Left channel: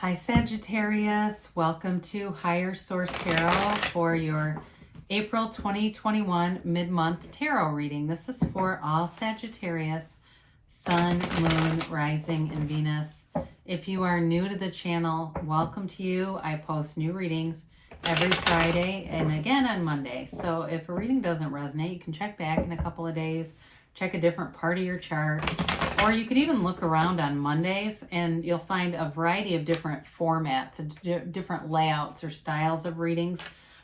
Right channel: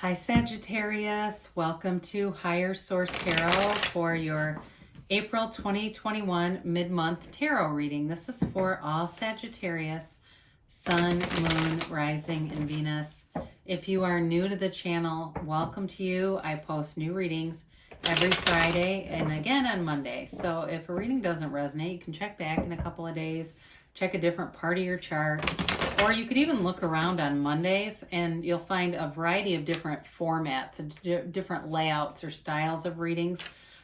Hi Sagittarius, welcome to Higher Source Tarot for your April 2021 mid-month tarot reading. This is for all Sagittarius, Sun, Moon, Rising, and Venus. If you are new to the channel, welcome to you. I post new readings every Friday and again on Monday. So if a reading doesn't resonate, you can check back in a couple of days, check a different part of your chart. Or you could even look around on Mondays and you'll find a variety of different formats, different layouts or styles of readings.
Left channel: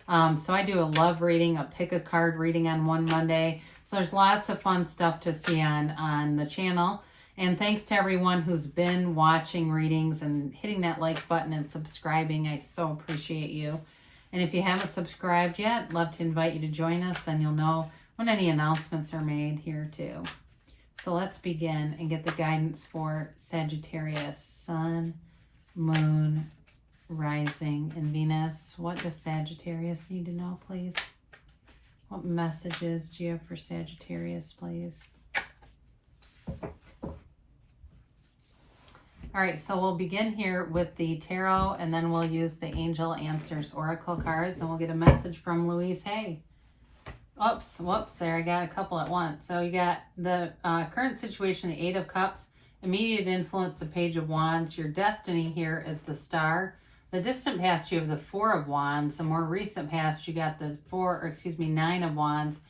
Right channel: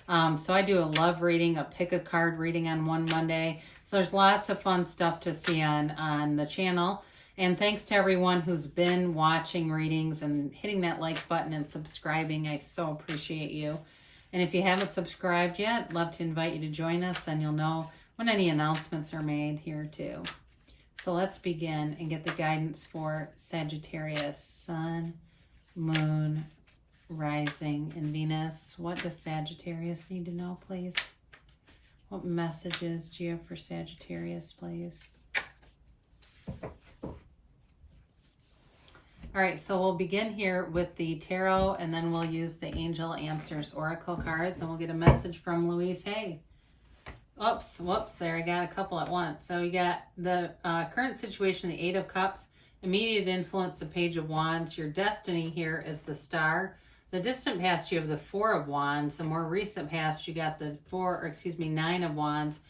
So I do a love reading, a pick a card reading on one Monday. So there's lots of fun stuff to see on the channel. And thanks to everyone who's been watching readings and hitting that like button and subscribing. I so appreciate you. And if you haven't subscribed yet, love to invite you to join us, and you'll know when any announcements are made here too. So let's begin and get the guidance for Sagittarius, Sun, Moon, Rising, and Venus. What does Sagittarius need to know, please? What messages do you have for Sagittarius, please? All right, so we'll begin here with the tarot, and then we'll use the Angel Answers Oracle cards, and we'll get a message from Louise Hay. Oops, whoops, there, I got a couple at once. So you got the current situation, the Eight of Cups, immediate influence, the Page of Wands. Your destiny here is the Star. The distant past, you have the Four of Wands. The more recent past, you got the Nine of Wands.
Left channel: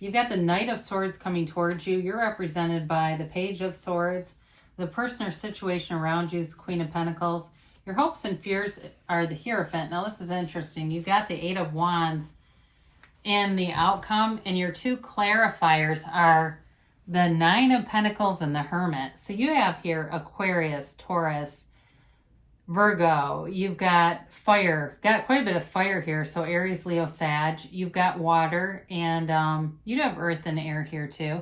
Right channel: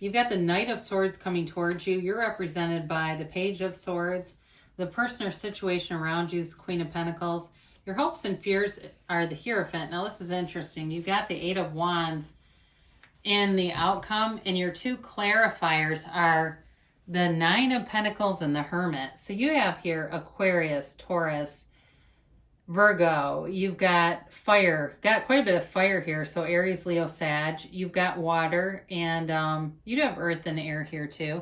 You've got the Knight of Swords coming towards you. You're represented by the Page of Swords. The person or situation around you is Queen of Pentacles. Your hopes and fears are the Hierophant. Now, this is interesting. You've got the Eight of Wands and the outcome, and your two clarifiers are the Nine of Pentacles and the Hermit. So you have here Aquarius, Taurus, Virgo. You've got fire, got quite a bit of fire here. So Aries, Leo, Sag. You've got water, and you have earth and air here too.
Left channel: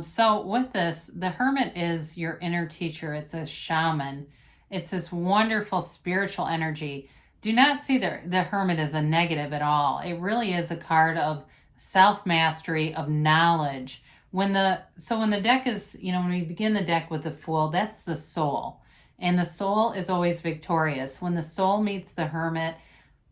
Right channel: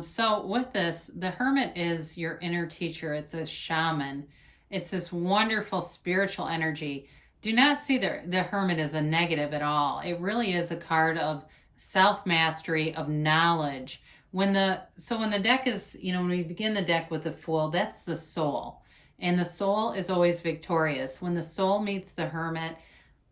So with this, the Hermit is your inner teacher. It's a shaman. It's this wonderful spiritual energy. Do not see the Hermit as a negative at all. It really is a card of self-mastery, of knowledge. When the deck is, when we begin the deck with the Fool, that's the soul. And the soul is always victorious. When the soul meets the Hermit,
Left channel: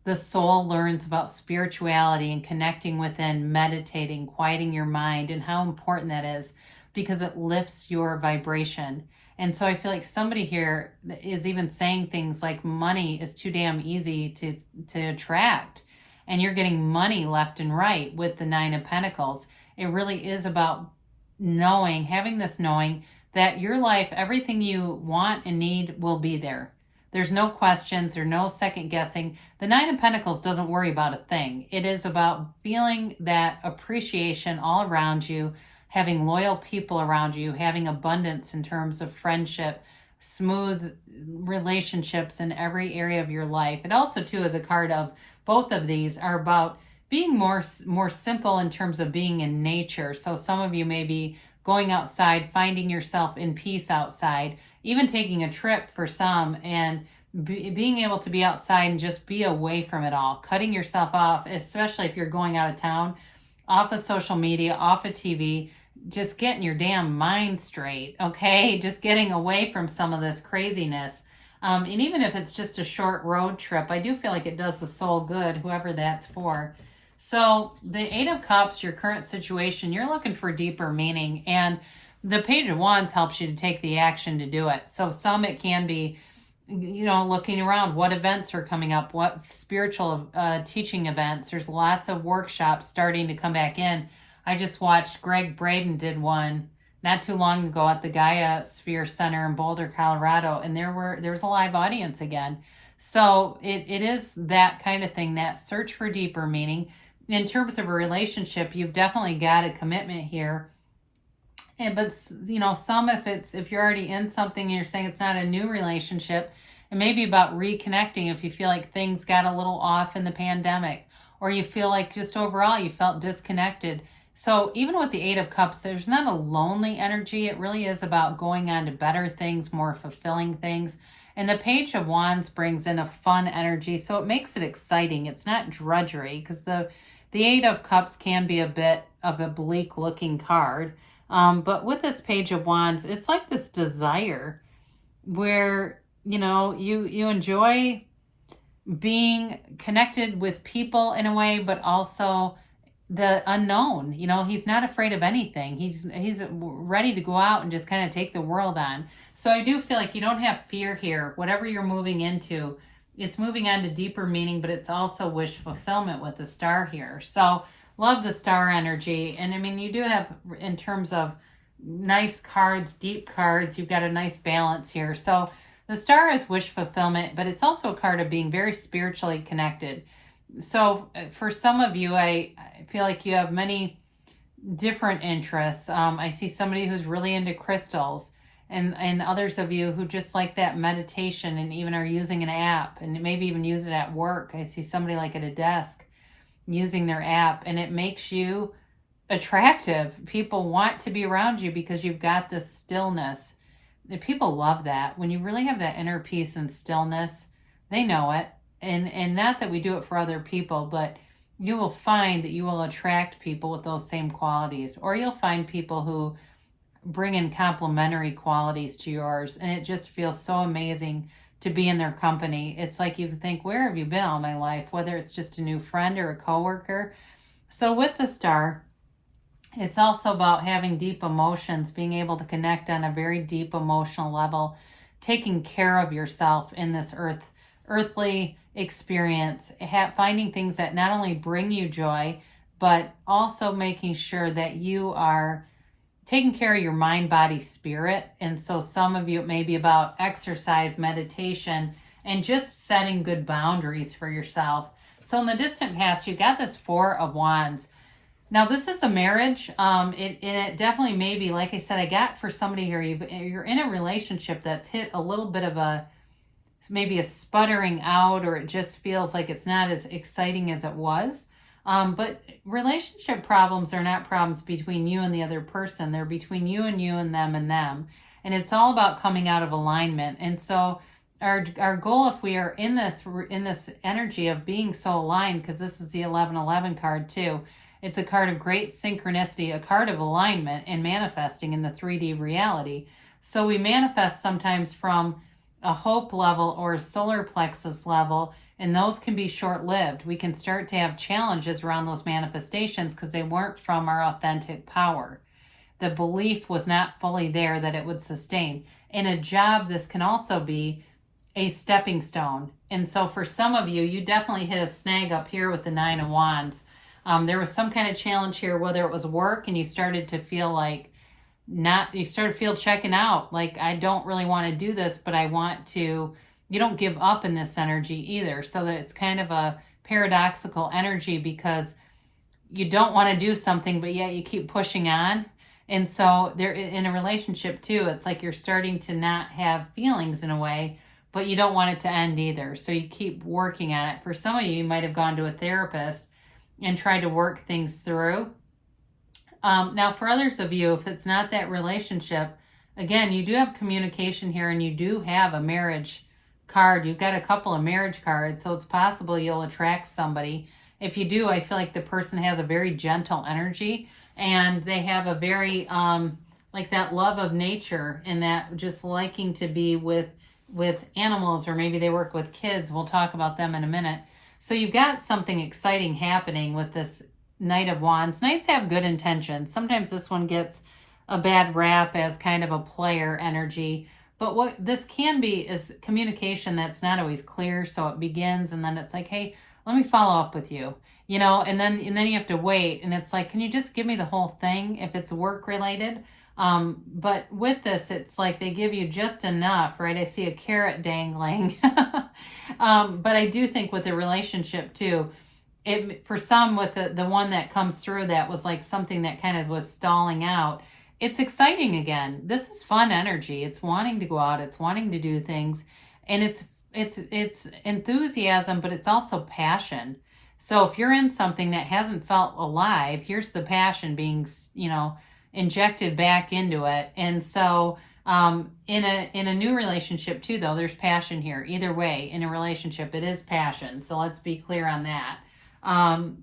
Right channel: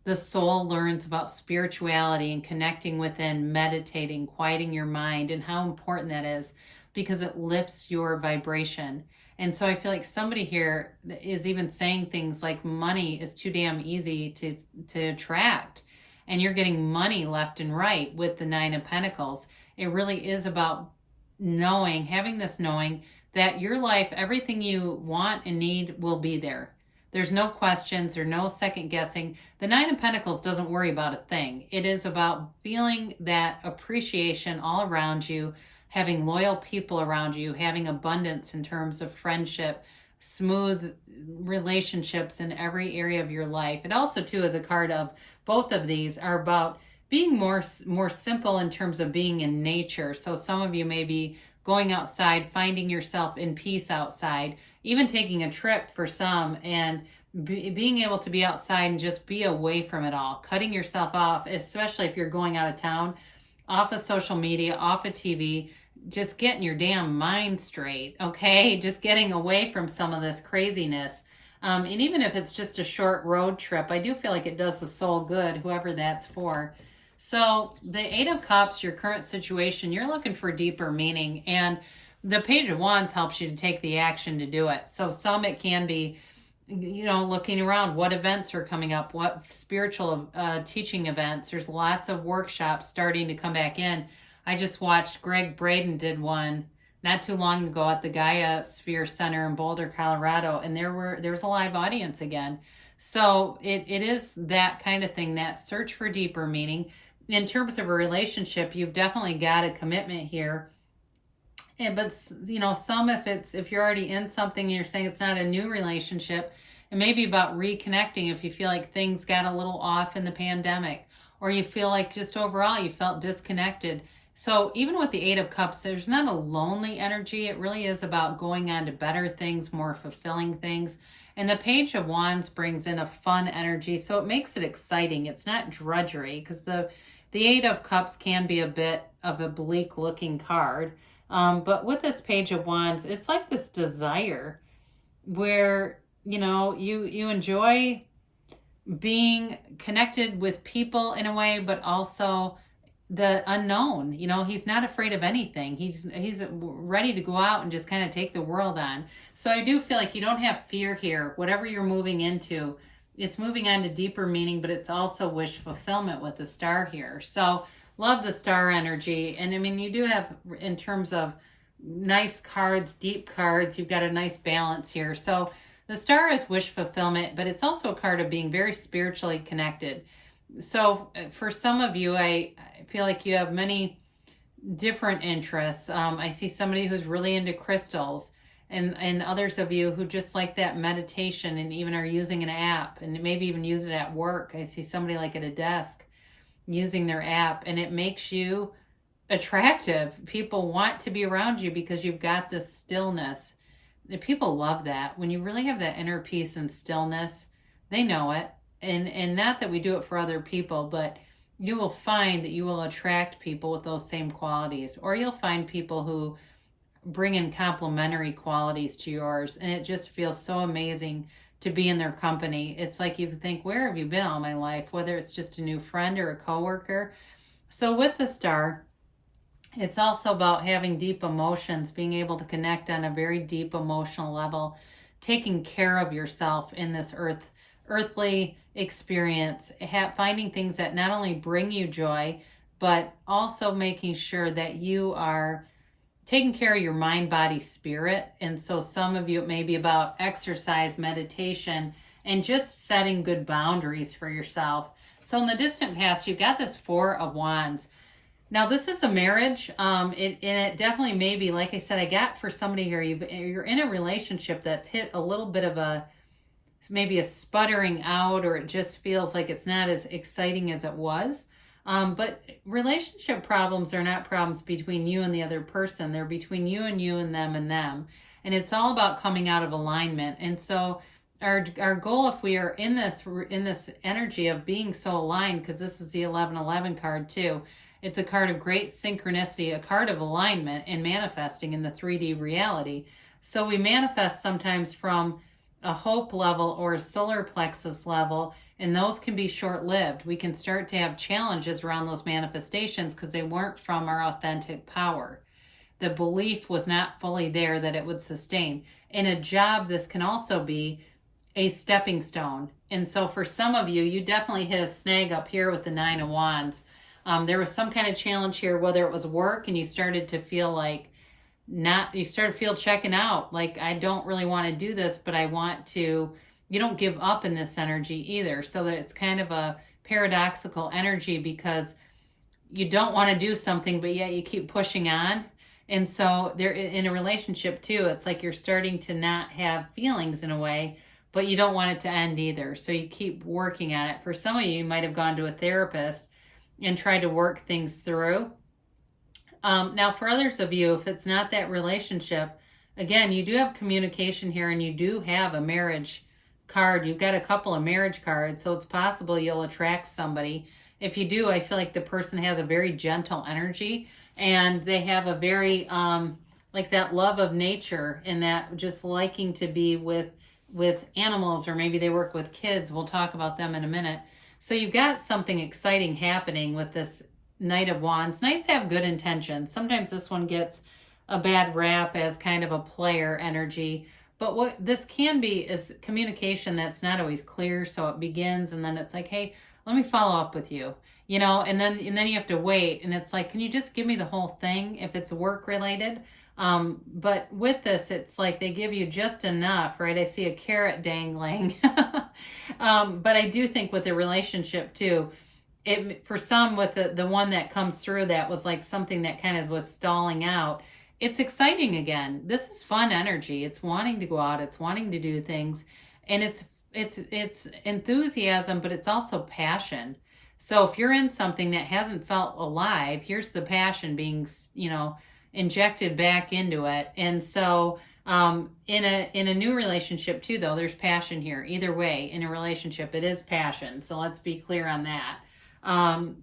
the soul learns about spirituality and connecting within, meditating, quieting your mind, and how important that is because it lifts your vibration. And so I feel like somebody here is even saying things like money is too damn easy to attract. And you're getting money left and right with the Nine of Pentacles. It really is about knowing, having this knowing that your life, everything you want and need will be there. There's no questions or no second guessing. The Nine of Pentacles doesn't worry about a thing. It is about feeling that appreciation all around you, having loyal people around you, having abundance in terms of friendship, smooth relationships in every area of your life. It also, too, is a card of both of these are about being more simple in terms of being in nature. So some of you may be going outside, finding yourself in peace outside, even taking a trip for some, and being able to be outside and just be away from it all, cutting yourself off, especially if you're going out of town, off of social media, off of TV, just getting your damn mind straight, okay? Just getting away from some of this craziness. And even if it's just a short road trip, I do feel like it does the soul good, whoever that's for. So the Eight of Cups, your current situation, you're looking for deeper meaning. And the Page of Wands helps you to take the action to do it. So some it can be, looking around what events are coming up, what spiritual teaching events. There's lots of workshops starting to come back in. I just watched Greg Braden did one not too long ago at the Gaia Sphere Center in Boulder, Colorado, and there was a live audience again. So it is that kind of thing, that search for deeper meaning. In terms of a relationship, you've definitely got a commitment here. But if you're already in something and you're saying it's not a new relationship, it may be about reconnecting if you feel like things got a little off in the pandemic, or you feel like just overall you felt disconnected. So even with the Eight of Cups, there's not a lonely energy. It really is about going on to better things, more fulfilling things. And the Page of Wands brings in a fun energy, so it makes it exciting. It's not drudgery, because the Eight of Cups can be a bit of a bleak looking card. But with this Page of Wands, it's like this desire where you enjoy being connected with people in a way, but also the unknown. He's not afraid of anything. He's ready to go out and just kind of take the world on. So I do feel like you don't have fear here. Whatever you're moving into, it's moving on to deeper meaning, but it's also wish fulfillment with the star here. So love the star energy. And I mean, you do have, in terms of nice cards, deep cards, you've got a nice balance here. So the star is wish fulfillment, but it's also a card of being very spiritually connected. So for some of you, I feel like you have many different interests. I see somebody who's really into crystals, and others of you who just like that meditation and even are using an app and maybe even use it at work. I see somebody like at a desk using their app, and it makes you attractive. People want to be around you because you've got this stillness. The people love that. When you really have that inner peace and stillness, they know it. And not that we do it for other people, but you will find that you will attract people with those same qualities, or you'll find people who bring in complementary qualities to yours, and it just feels so amazing to be in their company. It's like you think, where have you been all my life? Whether it's just a new friend or a coworker. So with the star, it's also about having deep emotions, being able to connect on a very deep emotional level, taking care of yourself in this earthly experience, finding things that not only bring you joy, but also making sure that you are taking care of your mind, body, spirit. And so some of you, it may be about exercise, meditation, and just setting good boundaries for yourself. So in the distant past, you've got this Four of Wands. Now this is a marriage. It definitely may be, like I said, I got for somebody here, you're in a relationship that's hit a little bit of maybe a sputtering out, or it just feels like it's not as exciting as it was. But relationship problems are not problems between you and the other person. They're between you and them and them. And it's all about coming out of alignment. And so our goal, if we are in this energy of being so aligned, because this is the 1111 card too, it's a card of great synchronicity, a card of alignment and manifesting in the 3D reality. So we manifest sometimes from a hope level or a solar plexus level, and those can be short-lived. We can start to have challenges around those manifestations because they weren't from our authentic power. The belief was not fully there that it would sustain. In a job, this can also be a stepping stone. And so for some of you, you definitely hit a snag up here with the Nine of Wands. There was some kind of challenge here, whether it was work and you started to feel like checking out, like, I don't really want to do this, but I want to. You don't give up in this energy either. So that it's kind of a paradoxical energy, because you don't want to do something, but yet you keep pushing on. And so there, in a relationship too, it's like you're starting to not have feelings in a way, but you don't want it to end either. So you keep working on it. For some of you might have gone to a therapist and tried to work things through. Now, for others of you, if it's not that relationship, again, you do have communication here, and you do have a marriage card. You've got a couple of marriage cards, so it's possible you'll attract somebody. If you do, I feel like the person has a very gentle energy, and they have a very, like that love of nature, and that just liking to be with animals, or maybe they work with kids. We'll talk about them in a minute. So you've got something exciting happening with this Knight of Wands. Knights have good intentions. Sometimes this one gets a bad rap as kind of a player energy. But what this can be is communication that's not always clear. So it begins, and then it's like, hey, let me follow up with you. And then you have to wait. And it's like, can you just give me the whole thing if it's work related? But with this, it's like they give you just enough, right? I see a carrot dangling. But I do think with the relationship too, for some, with the one that comes through, that was like something that kind of was stalling out. It's exciting again. This is fun energy. It's wanting to go out. It's wanting to do things, and it's enthusiasm, but it's also passion. So if you're in something that hasn't felt alive, here's the passion being, injected back into it. And so in a new relationship too, though, there's passion here. Either way, in a relationship, it is passion. So let's be clear on that.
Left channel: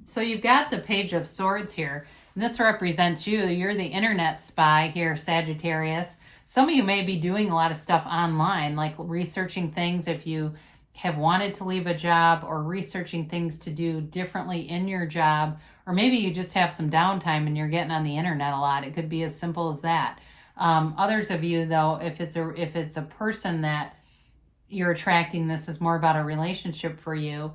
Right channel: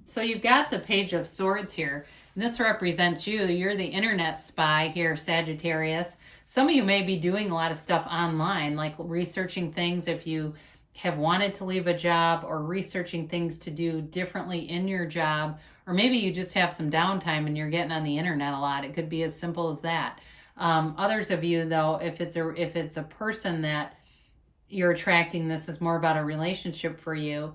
So you've got the Page of Swords here. This represents you. You're the internet spy here, Sagittarius. Some of you may be doing a lot of stuff online, like researching things if you have wanted to leave a job, or researching things to do differently in your job, or maybe you just have some downtime and you're getting on the internet a lot. It could be as simple as that. Others of you, though, if it's a person that you're attracting, this is more about a relationship for you.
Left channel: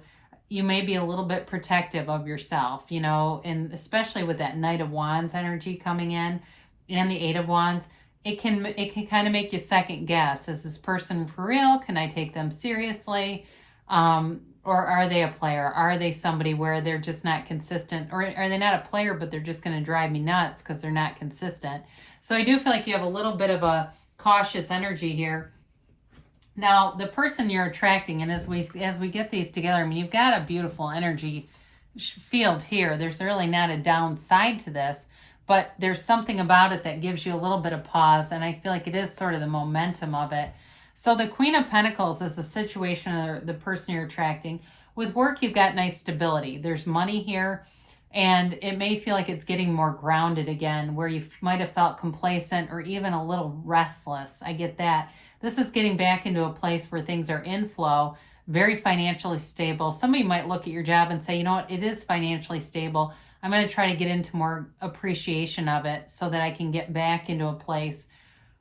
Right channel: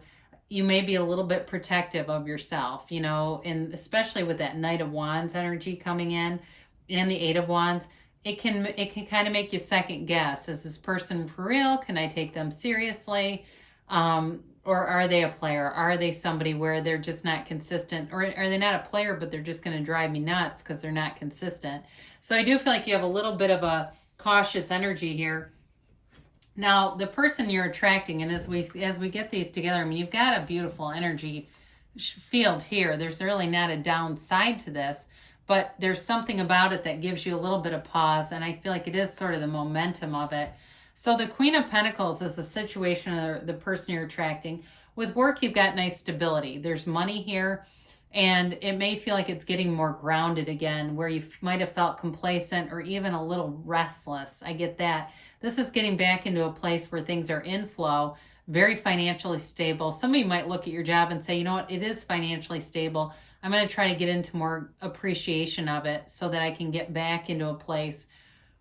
You may be a little bit protective of yourself, you know, and especially with that Knight of Wands energy coming in and the Eight of Wands, it can kind of make you second guess. Is this person for real? Can I take them seriously? Or are they a player? Are they somebody where they're just not consistent? Or are they not a player, but they're just going to drive me nuts because they're not consistent? So I do feel like you have a little bit of a cautious energy here. Now, the person you're attracting, and as we get these together, I mean, you've got a beautiful energy field here. There's really not a downside to this, but there's something about it that gives you a little bit of pause, and I feel like it is sort of the momentum of it. So the Queen of Pentacles is the situation of the person you're attracting. With work, you've got nice stability. There's money here, and it may feel like it's getting more grounded again, where you might have felt complacent or even a little restless. I get that. This is getting back into a place where things are in flow, very financially stable. Somebody might look at your job and say, you know what, it is financially stable. I'm going to try to get into more appreciation of it so that I can get back into a place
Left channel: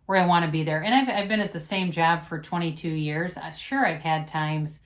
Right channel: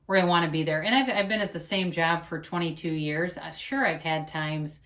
where I want to be there. And I've been at the same job for 22 years. Sure, I've had times,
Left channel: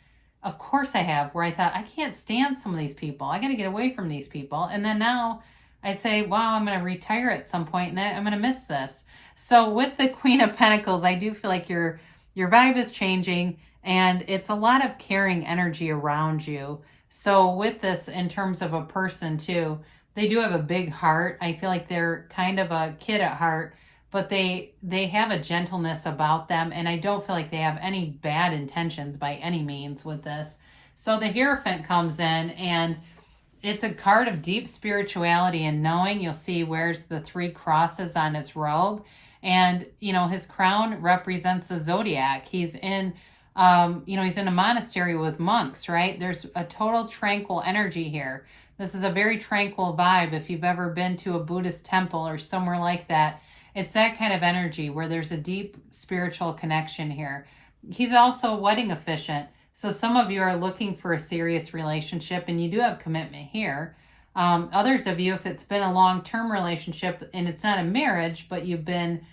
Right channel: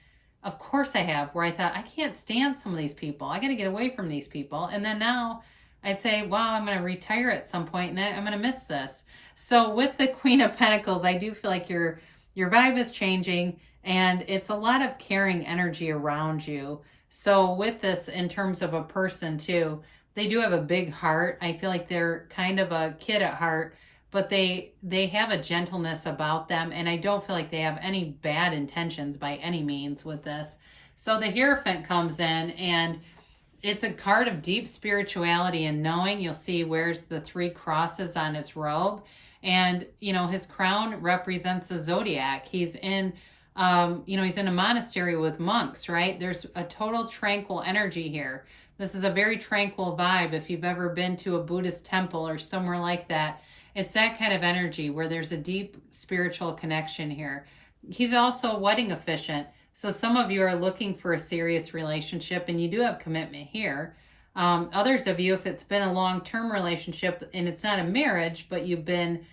of course I have, where I thought, I can't stand some of these people. I got to get away from these people. And then now I'd say, wow, I'm going to retire at some point and I'm going to miss this. So with the Queen of Pentacles, I do feel like your vibe is changing, and it's a lot of caring energy around you. So with this, in terms of a person too, they do have a big heart. I feel like they're kind of a kid at heart, but they have a gentleness about them, and I don't feel like they have any bad intentions by any means with this. So the Hierophant comes in, and it's a card of deep spirituality and knowing. You'll see he wears the 3 crosses on his robe, and you know, his crown represents the zodiac. He's in he's in a monastery with monks, right? There's a total tranquil energy here. This is a very tranquil vibe. If you've ever been to a Buddhist temple or somewhere like that, it's that kind of energy where there's a deep spiritual connection here. He's also wedding officiant. So some of you are looking for a serious relationship, and you do have commitment here. Others of you, if it's been a long-term relationship and it's not a marriage, but you've been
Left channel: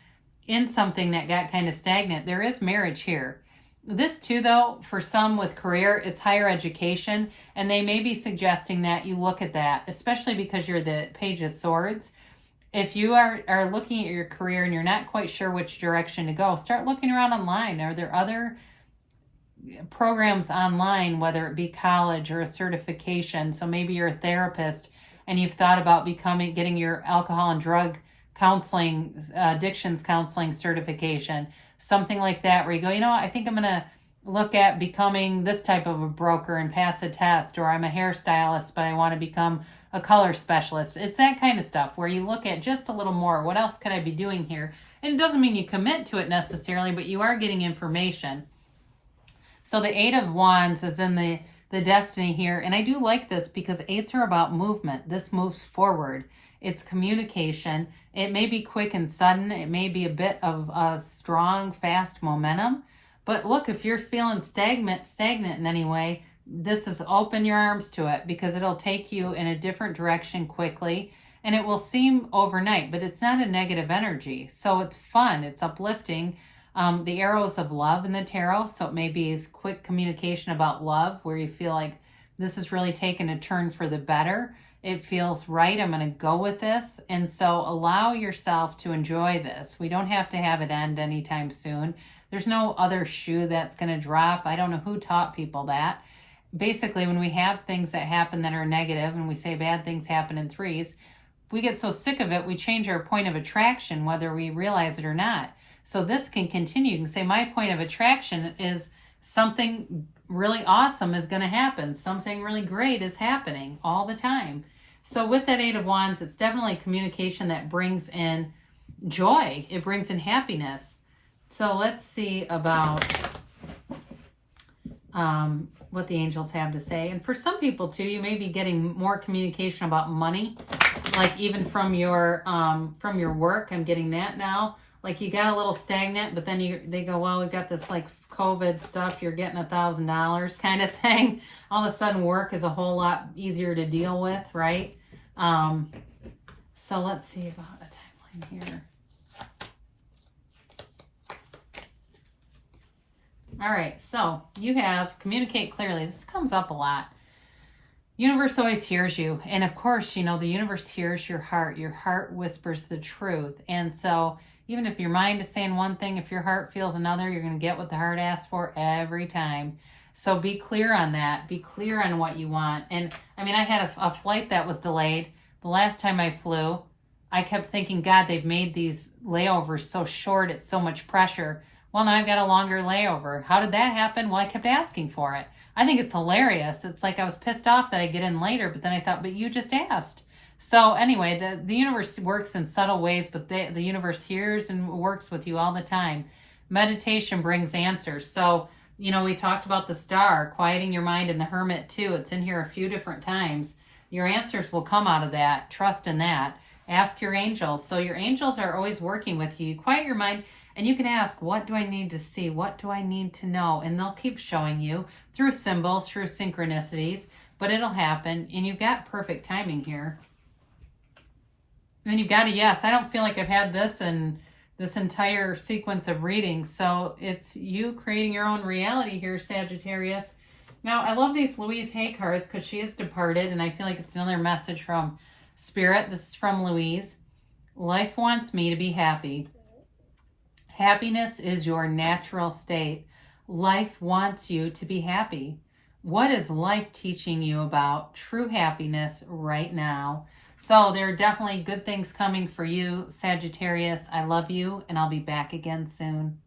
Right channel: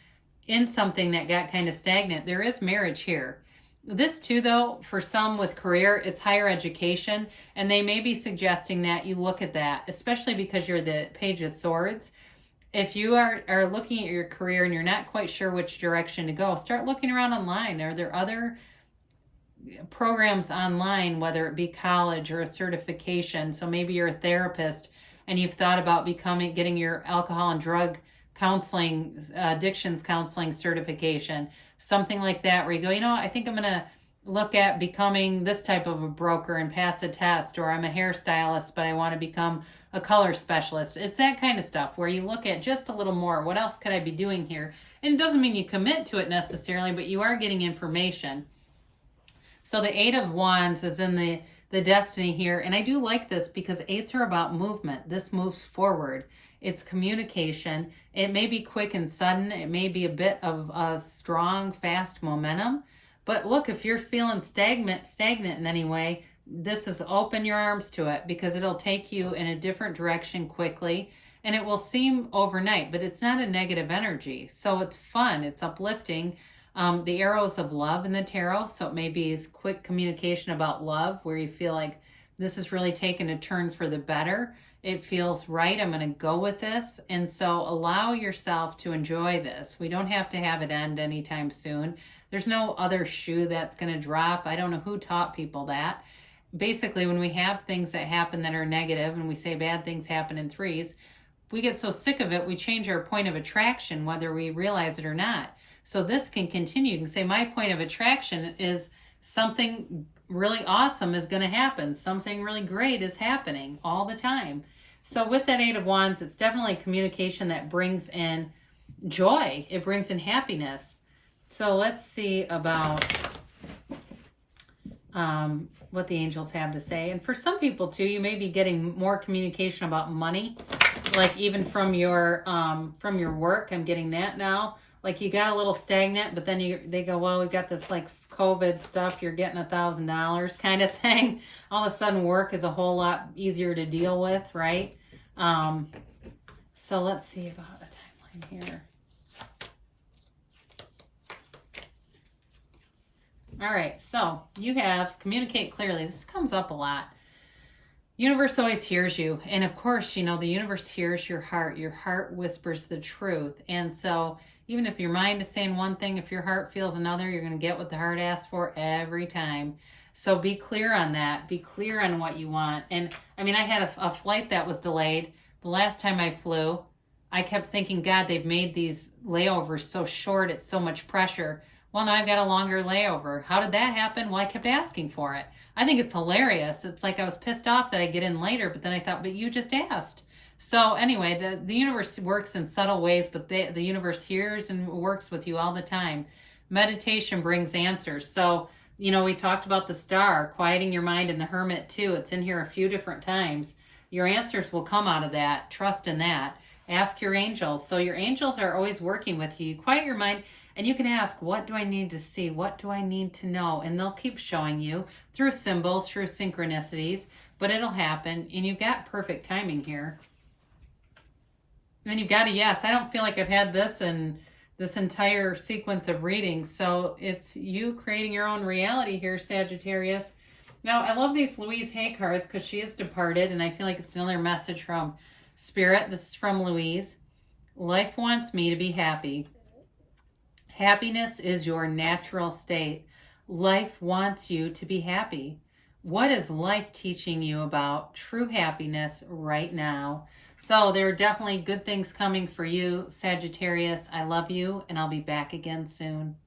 in something that got kind of stagnant, there is marriage here. This too, though, for some with career, it's higher education, and they may be suggesting that you look at that, especially because you're the Page of Swords. If you are looking at your career and you're not quite sure which direction to go, start looking around online. Are there other programs online, whether it be college or a certification? So maybe you're a therapist and you've thought about getting your alcohol and drug counseling, addictions counseling certification, something like that, where you go, you know, I think I'm going to look at becoming this type of a broker and pass a test, or I'm a hairstylist, but I want to become a color specialist. It's that kind of stuff where you look at just a little more. What else could I be doing here? And it doesn't mean you commit to it necessarily, but you are getting information. So the 8 of Wands is in the destiny here. And I do like this because 8s are about movement. This moves forward. It's communication. It may be quick and sudden. It may be a bit of a strong, fast momentum. But look, if you're feeling stagnant in any way, this is open your arms to it, because it'll take you in a different direction quickly, and it will seem overnight, but it's not a negative energy. So it's fun. It's uplifting. The arrows of love in the tarot. So it may be quick communication about love, where you feel like this is really taking a turn for the better. It feels right. I'm going to go with this. And so allow yourself to enjoy this. We don't have to have it end anytime soon. There's no other shoe that's going to drop. I don't know who taught people that. Basically, when we have things that happen that are negative, and we say bad things happen in 3s, we get so sick of it, we change our point of attraction, whether we realize it or not. So this can continue. You can say, my point of attraction is something really awesome is going to happen. Something really great is happening all the time. So with that 8 of Wands, it's definitely communication that brings in joy. It brings in happiness. So let's see about what the angels have to say. And for some people too, you may be getting more communication about money, like even from your work. I'm getting that now. like you got a little stagnant, but then they go, well, we got this like COVID stuff, you're getting $1,000 kind of thing. All of a sudden work is a whole lot easier to deal with, right? So let's see about a timeline here. All right, so you have communicate clearly. This comes up a lot. Universe always hears you. And of course, you know, the universe hears your heart. Your heart whispers the truth. And so even if your mind is saying one thing, if your heart feels another, you're going to get what the heart asks for every time. So be clear on that. Be clear on what you want. And I mean, I had a flight that was delayed. The last time I flew, I kept thinking, God, they've made these layovers so short. It's so much pressure. Well, now I've got a longer layover. How did that happen? Well, I kept asking for it. I think it's hilarious. It's like I was pissed off that I get in later, but then I thought, but you just asked. So anyway, the universe works in subtle ways, but the universe hears and works with you all the time. Meditation brings answers. So, you know, we talked about the star, quieting your mind, and the hermit too. It's in here a few different times. Your answers will come out of that. Trust in that. Ask your angels. So your angels are always working with you. Quiet your mind. And you can ask, what do I need to see? What do I need to know? And they'll keep showing you through symbols, through synchronicities, but it'll happen. And you've got perfect timing here. And you've got a yes. I don't feel like I've had this in this entire sequence of readings. So it's you creating your own reality here, Sagittarius. Now, I love these Louise Hay cards because she is departed. And I feel like it's another message from Spirit. This is from Louise. Life wants me to be happy. Happiness is your natural state. Life wants you to be happy. What is life teaching you about true happiness right now? So there are definitely good things coming for you, Sagittarius. I love you, and I'll be back again soon.